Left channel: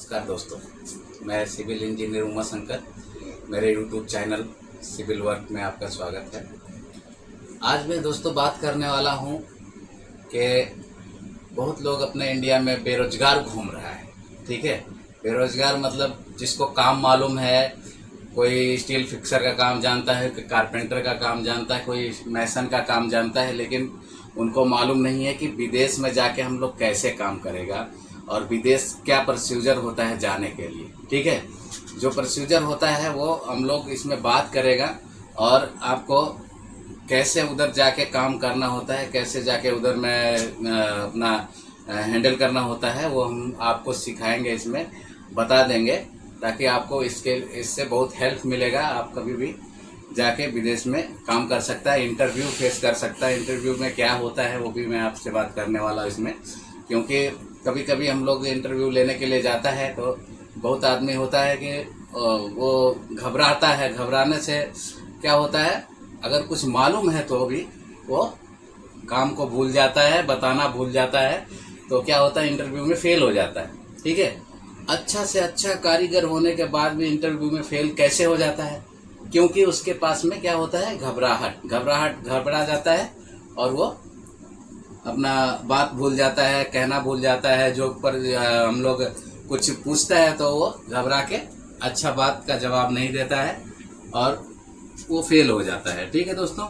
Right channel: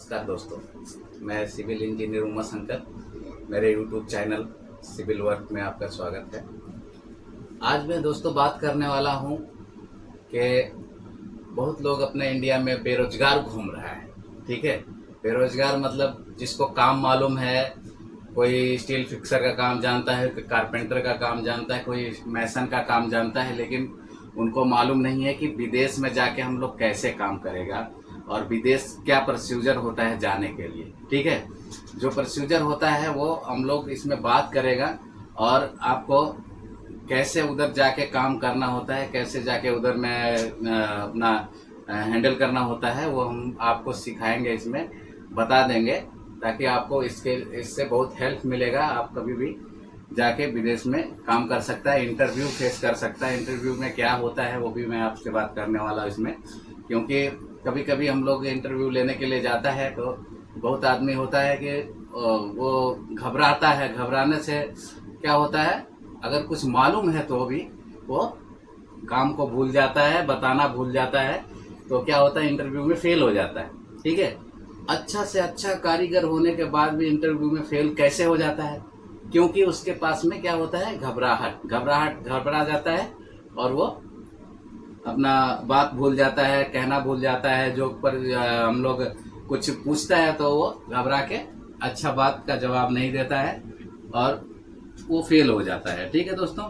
नमस्कार दोस्तों, मैं सिविल इंजीनियर उमा शंकर। मेरे यूट्यूब चैनल सिविल वर्क में आपका स्वागत है। आज मैं दोस्तों बात करने वाला हूं कि बहुत लोग अपने इंडिया में बेरोजगार घूम रहा है। ठीक है, बेरोजगार मतलब जिसको काम मालूम है, कोई स्टील फिक्सर का काम जानता है, कोई कारपेंटर का काम जानता है, कोई मैसन का काम जानता है, लेकिन उनको मालूम नहीं है कि विदेश में जाके हम लोग कैसे काम करेगा और विदेश क्या प्रोसीजर होता है जाने के लिए। ठीक है, जो प्रोसीजर होता है वो हम लोग इसमें बात करेगा और आपको कैसे उधर जाके काम करना होता है, कैसे जाके उधर में अपना हैंडल करना होता है, वो हम आपको सिखाएंगे, इसमें बता देंगे, ताकि आपको इससे बहुत हेल्प मिलेगा। आप कभी भी जाके विदेश में काम कर सकता है, इंटरव्यू फेस कर सकता है। इंटरव्यू में क्या होता है वो भी मैं आपसे बात करने वाला हूँ इसमें, क्योंकि कभी कभी हम लोग इंटरव्यू लेने के लिए जाता है तो बहुत आदमी होता है कि वो घबराता है। घबराने से क्या होता है, अगर कुछ मालूम है तो भी वो काम को भूल जाता है, बताना भूल जाता है, तो क्या होता है, इंटरव्यू में फेल हो जाता है। ठीक है, अच्छा से अच्छा कारीगर होने के बाद भी इंटरव्यू में फेल कैसे हो जाता है? क्योंकि उसके पास में क्या होता है, घबरा जाता है और वो अपना बात भूल जाता है, कहना भूल जाता है। जो पर हम लोग कुछ पूछता है तो वो घबरा के अच्छा बात का जवाब नहीं देता है और वो फेल हो जाता है। ठीक है दोस्तों,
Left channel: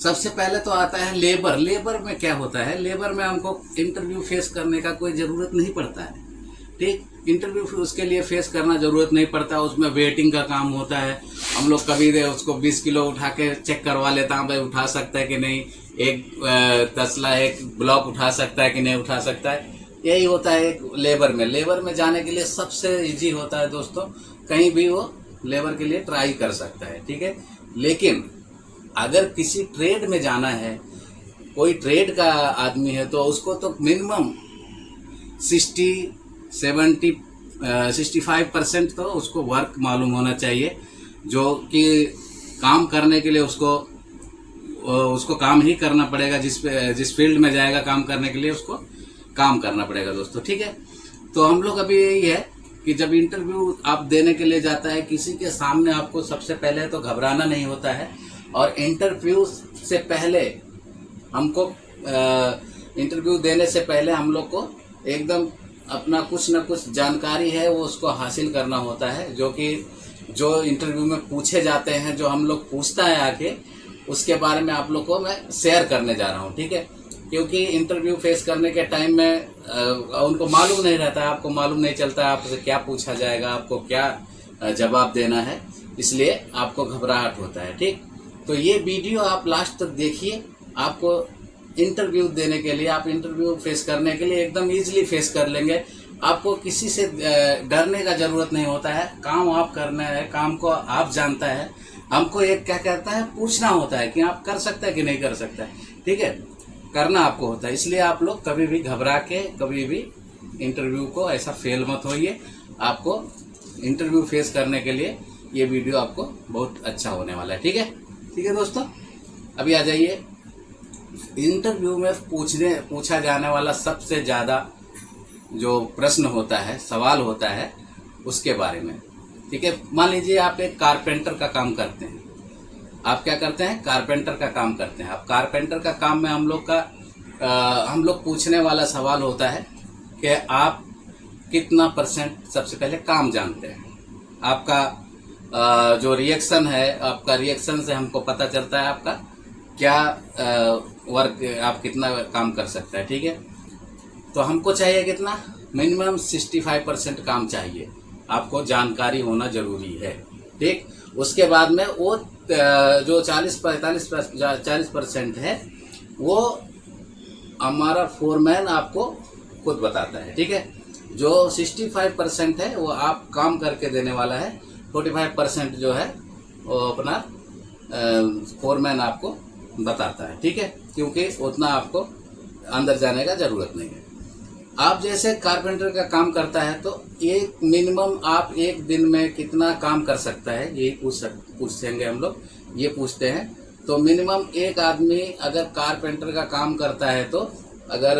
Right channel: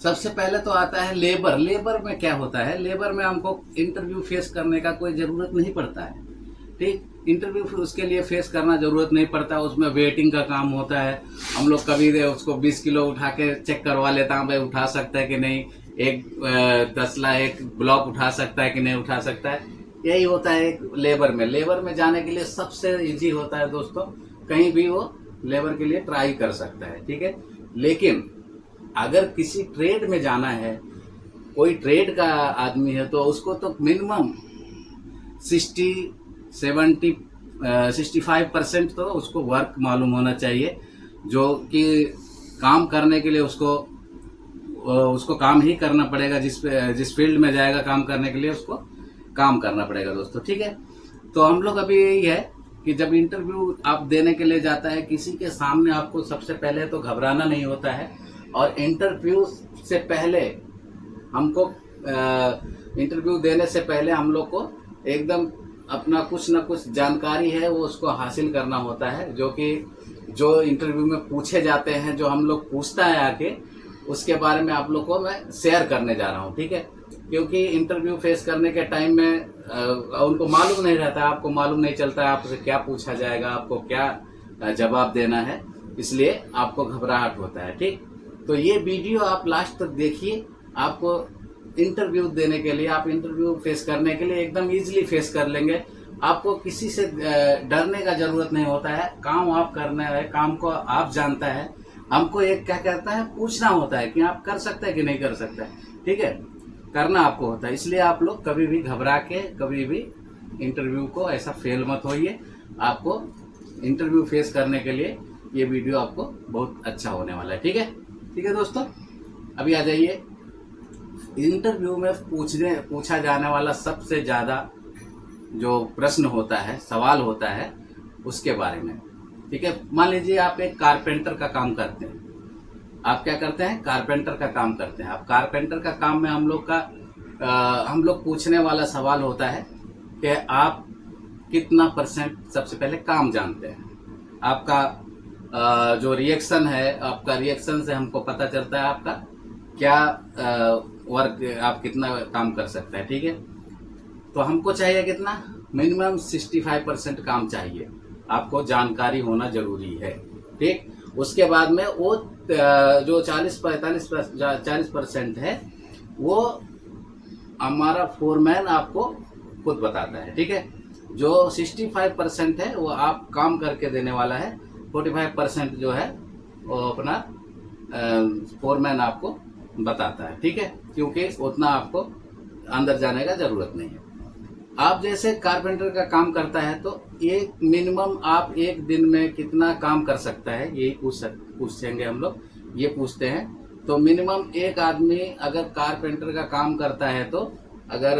सबसे पहले तो आता है लेबर। लेबर में क्या होता है, लेबर में हमको इंटरव्यू फेस करने का कोई ज़रूरत नहीं पड़ता है। ठीक, इंटरव्यू उसके लिए फेस करना ज़रूरत नहीं पड़ता। उसमें वेटिंग का काम होता है। हम लोग कभी उसको 20 किलो उठा के चेक करवा लेता हूँ, भाई उठा सकता है कि नहीं, एक तसला एक ब्लॉक उठा सकता है कि नहीं उठा सकता है। यही होता है एक लेबर में। लेबर में जाने के लिए सबसे इजी होता है दोस्तों, कहीं भी वो लेबर के लिए ट्राई कर सकता है। ठीक है, लेकिन अगर किसी ट्रेड में जाना है, कोई ट्रेड का आदमी है, तो उसको तो मिनिमम 65% तो उसको वर्क मालूम होना चाहिए, जो कि काम करने के लिए उसको काम ही करना पड़ेगा। जिस फील्ड में जाएगा काम करने के लिए उसको काम करना पड़ेगा दोस्तों। ठीक है, तो हम लोग अभी यही है कि जब इंटरव्यू आप देने के लिए जाता है किसी के सामने, आपको सबसे पहले तो घबराना नहीं होता है। और इंटरव्यू से पहले हमको इंटरव्यू देने से पहले हम लोग को एकदम अपना कुछ ना कुछ जानकारी है वो उसको हासिल करना होता है, जो इंटरव्यू में पूछे जाते हैं, जो हम लोग पूछता है आके, उसके बारे में आप लोग को मैं शेयर करने जा रहा हूँ। ठीक है, क्योंकि इंटरव्यू फेस करने के टाइम में उनको मालूम नहीं रहता, आपको मालूम नहीं चलता आपसे क्या पूछा जाएगा, आपको क्या जवाब देना है, इसलिए आपको घबराहट होता है। ठीक, तो ये वीडियो आप लास्ट तक देखिए। आपको इंटरव्यू देने के लिए, आप इंटरव्यू फेस करने के लिए एकदम इजीली फेस कर लेंगे। आपको किसी से डरने का जरूरत नहीं होता है। काम आप करना है, काम को आप जानता है। हमको एक क्या कहता है, पूछना होता है कि आप कर सकते हैं कि नहीं कर सकते हैं। ठीक है, करना आपको होता है। इसलिए आप लोग कभी भी घबरा के कभी भी इंटरव्यू को ऐसा फेल मत होइए। आपको इंटरव्यू फेस करने के लिए ये वीडियो आपको बहुत अच्छा होने वाला है। ठीक है, ठीक है दोस्तों, अभी आ जाइए इंटरव्यू में पूछा जाने वाला सबसे ज़्यादा जो प्रश्न होता है, सवाल होता है, उसके बारे में। ठीक है, मान लीजिए आप एक कारपेंटर का काम करते हैं। आप क्या करते हैं, कारपेंटर का काम करते हैं। आप कारपेंटर का काम में हम लोग पूछने वाला सवाल होता है कि आप कितना % सबसे पहले काम जानते हैं। आपका जो रिएक्शन है, आपका रिएक्शन से हमको पता चलता है आपका क्या वर्क, आप कितना काम कर सकते हैं। ठीक है, तो हमको चाहिए कितना, मिनिमम 65% काम चाहिए, आपको जानकारी होना जरूरी है। ठीक, उसके बाद में वो जो 40% है वो हमारा फोरमैन आपको खुद बताता है। ठीक है, जो 65% है वो आप काम करके देने वाला है, 45% जो है वो अपना फोरमैन आपको बताता है। ठीक है, क्योंकि उतना आपको अंदर जाने का जरूरत नहीं है। आप जैसे कारपेंटर का काम करता है तो एक मिनिमम आप एक दिन में कितना काम कर सकता है, यही पूछेंगे हम लोग, ये पूछते हैं। तो मिनिमम एक आदमी अगर कारपेंटर का काम करता है तो अगर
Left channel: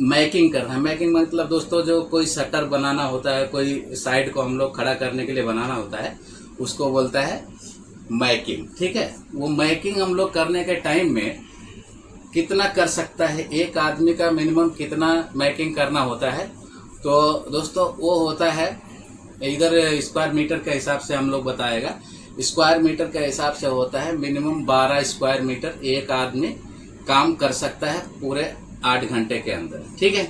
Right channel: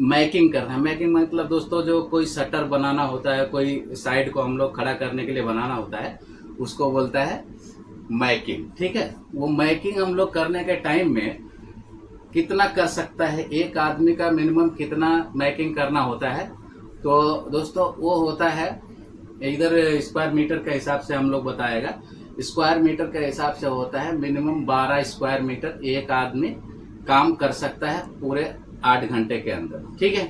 मैकिंग करना है। मैकिंग मतलब दोस्तों जो कोई शटर बनाना होता है, कोई साइड को हम लोग खड़ा करने के लिए बनाना होता है, उसको बोलता है मैकिंग। ठीक है, वो मैकिंग हम लोग करने के टाइम में कितना कर सकता है, एक आदमी का मिनिमम कितना मैकिंग करना होता है, तो दोस्तों वो होता है इधर स्क्वायर मीटर के हिसाब से हम लोग बताएगा। स्क्वायर मीटर के हिसाब से होता है मिनिमम 12 स्क्वायर मीटर एक आदमी काम कर सकता है पूरे 8 घंटे के अंदर। ठीक है,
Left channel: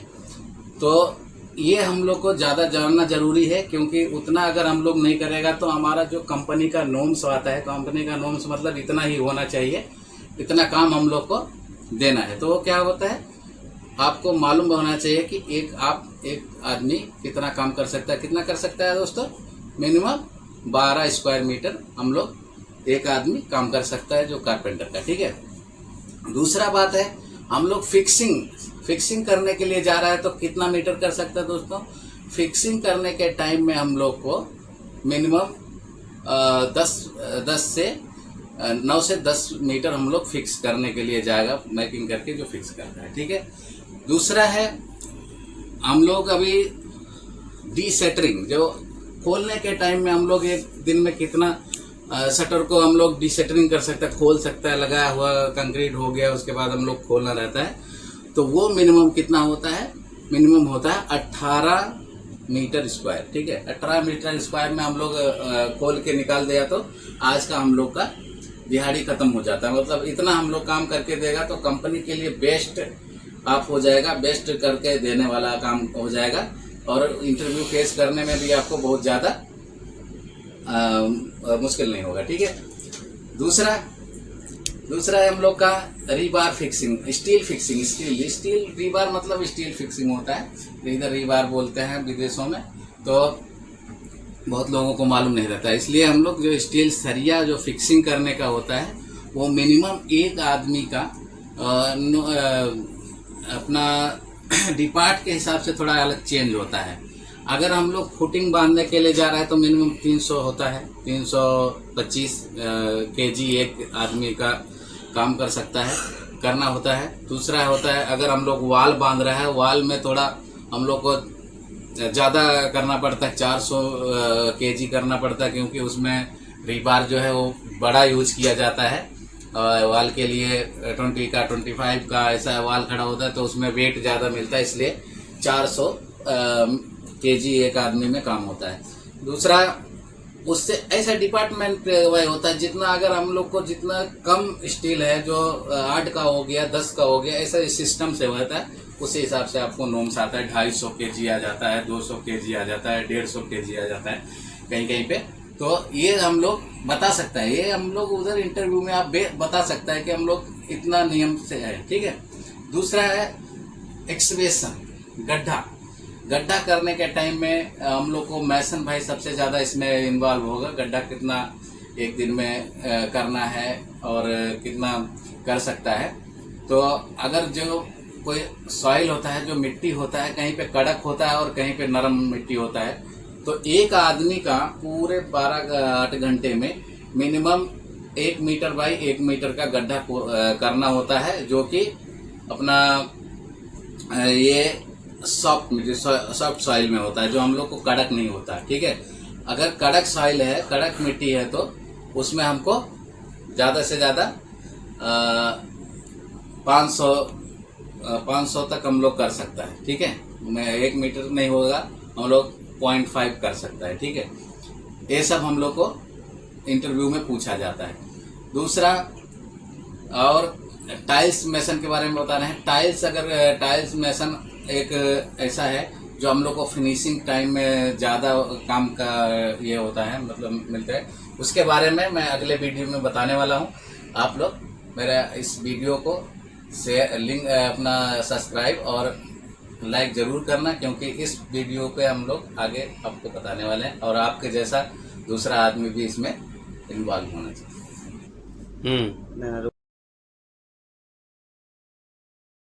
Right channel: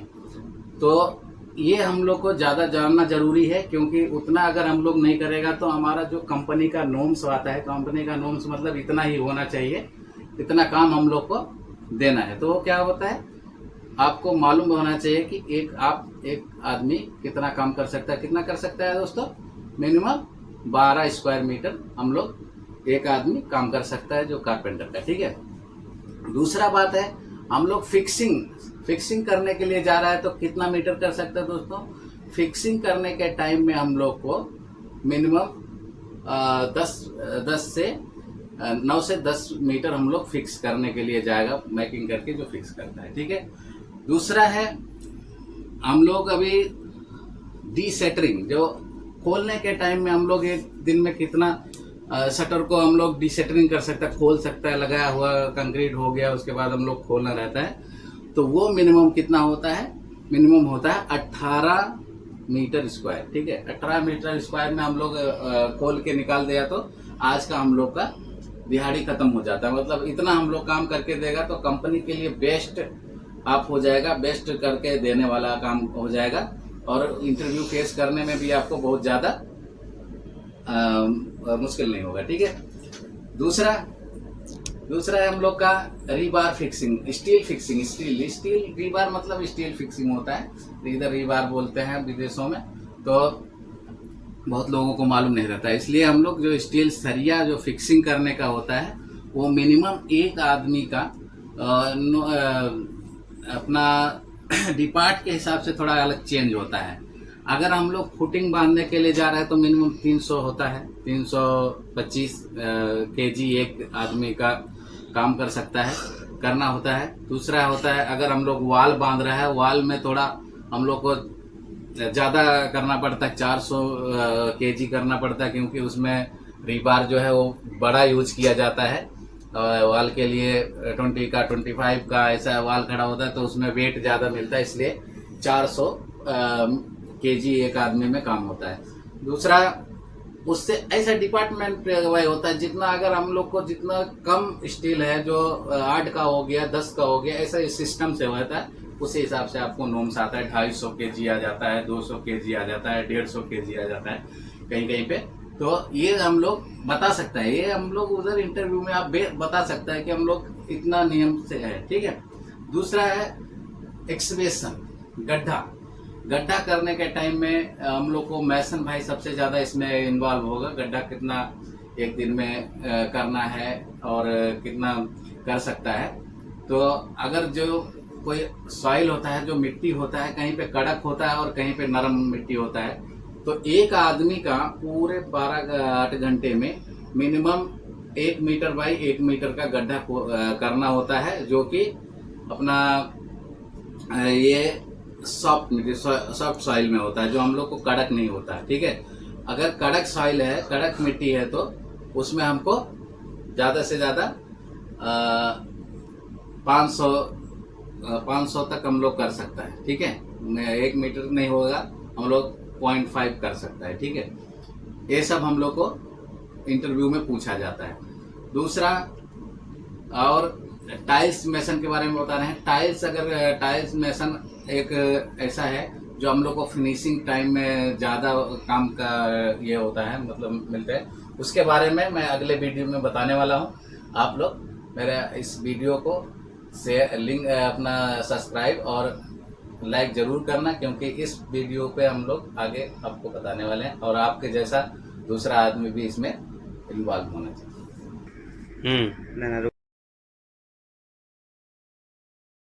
तो ये हम लोग को ज़्यादा जानना जरूरी है, क्योंकि उतना अगर हम लोग नहीं करेगा तो हमारा जो कंपनी का नॉर्म्स आता है, कंपनी का नॉर्म्स मतलब इतना ही होना चाहिए, इतना काम हम लोग को देना है। तो वो क्या होता है, आपको मालूम होना चाहिए कि एक आदमी कितना काम कर सकता है। कितना कर सकता है दोस्तों, मिनिमम 12 स्क्वायर मीटर हम लोग एक आदमी काम कर सकता है जो कारपेंटर का। ठीक है, दूसरा बात है हम लोग फिक्सिंग करने के लिए जा रहा है तो कितना मीटर कर सकता है दोस्तों। फिक्सिंग करने के टाइम में हम लोग को मिनिमम 9 से 10 मीटर हम लोग फिक्स करने के लिए जाएगा, मैकिंग करके जो फिक्स करता है। ठीक है, दूसरा है हम लोग अभी डीसेटरिंग, जो खोलने के टाइम में हम लोग एक दिन में कितना शटर को हम लोग डीसेटरिंग कर सकते हैं, खोल सकता है। लगाया हुआ कंक्रीट हो गया, उसके बाद हम लोग खोलना रहता है, तो वो मिनिमम कितना होता है, मिनिमम होता है 18 मीटर स्क्वायर। ठीक है, 18 मीटर स्क्वायर में हम लोग खोल के निकाल दिया तो आज का हम लोग का दिहाड़ी खत्म हो जाता है। मतलब इतना हम लोग काम करके देगा तो कंपनी के लिए बेस्ट आप हो जाएगा, बेस्ट करके देने वाला काम हो जाएगा, और इंटरव्यू फेस करने में भी आपको बहुत ज़्यादा मुश्किल नहीं होगा। ठीक है, दूसरा है हम लोग का rebar fixing, steel fixing. Steel rebar मतलब स्टील फिक्सिंग होता है, इधर रीबार बोलते हैं विदेशों में, तो बहुत लोगों को मालूम नहीं रहता है। इसलिए हम लोग जो स्टील सरिया जो फिक्सिंग करने का होता है वो मिनिमम एक आदमी का अपना डिपार्ट के हिसाब से थोड़ा अलग चेंज होता है। अगर हम लोग फुटिंग बांधने के लिए जा रहे हैं तो मिनिमम 300 होता है, 325 केजी एक आदमी का काम कर सकता है, करना होता है। दूसरा होता है अगर हम लोग वाल बांध रहे हैं, वाल में थोड़ा हम लोग को ज़्यादा करना पड़ता है, 400 केजी करना पड़ता है, क्योंकि उसमें रीबार जो है वो बड़ा यूज किया जाता है। वाल के लिए 20 का 25 का ऐसा वाल खड़ा होता है तो उसमें वेट ज़्यादा मिलता है, इसलिए 400 केजी एक आदमी में काम होता है। दूसरा उससे ऐसा डिपार्टमेंट वाइज होता है, जितना अगर हम लोग को जितना कम स्टील है, जो 8 का हो गया 10 का हो गया, ऐसा इस सिस्टम से होता है, उसी हिसाब से आपको नॉर्म्स आता है। 250 केजी आ जाता है, 200 केजी आ जाता है, 150 केजी आ जाता है कहीं कहीं पे। तो ये हम लोग बता सकता है, ये हम लोग उधर इंटरव्यू में आप बता सकता है कि हम लोग इतना नियम से है। ठीक है, दूसरा है एक्सकवेशन, गड्ढा करने के टाइम में हम लोग को मैसन भाई सबसे ज़्यादा इसमें इन्वॉल्व होगा। गड्ढा कितना एक दिन में करना है और कितना कर सकता है। तो अगर जो कोई सॉइल होता है, जो मिट्टी होता है, कहीं पे कड़क होता है और कहीं पे नरम मिट्टी होता है, तो एक आदमी का पूरे 8 घंटे में मिनिमम 1 मीटर बाई 1 मीटर का गड्ढा करना होता है, जो कि अपना ये सॉफ्ट सॉइल में होता है, जो हम लोग को कड़क नहीं होता है। ठीक है, अगर कड़क सॉइल है, कड़क मिट्टी है, तो उसमें हमको ज़्यादा से ज़्यादा 500 तक हम लोग कर सकता है। ठीक है, 1 मीटर नहीं होगा, हम लोग 0.5 कर सकता है। ठीक है, ये सब हम लोग को इंटरव्यू में पूछा जाता है। दूसरा और टाइल्स मेसन के बारे में बता रहे हैं। टाइल्स मेसन एक ऐसा है जो हम लोग को फिनिशिंग टाइम में ज़्यादा काम का ये होता है, मतलब मिलते हैं। उसके बारे में मैं अगले वीडियो में बताने वाला हूँ। आप लोग मेरा इस वीडियो को लिंक अपना सब्सक्राइब और लाइक ज़रूर करना, क्योंकि इस वीडियो पे हम लोग आगे आपको बताने वाले हैं और आपके जैसा दूसरा आदमी भी इसमें इन्वॉल्व होना चाहिए।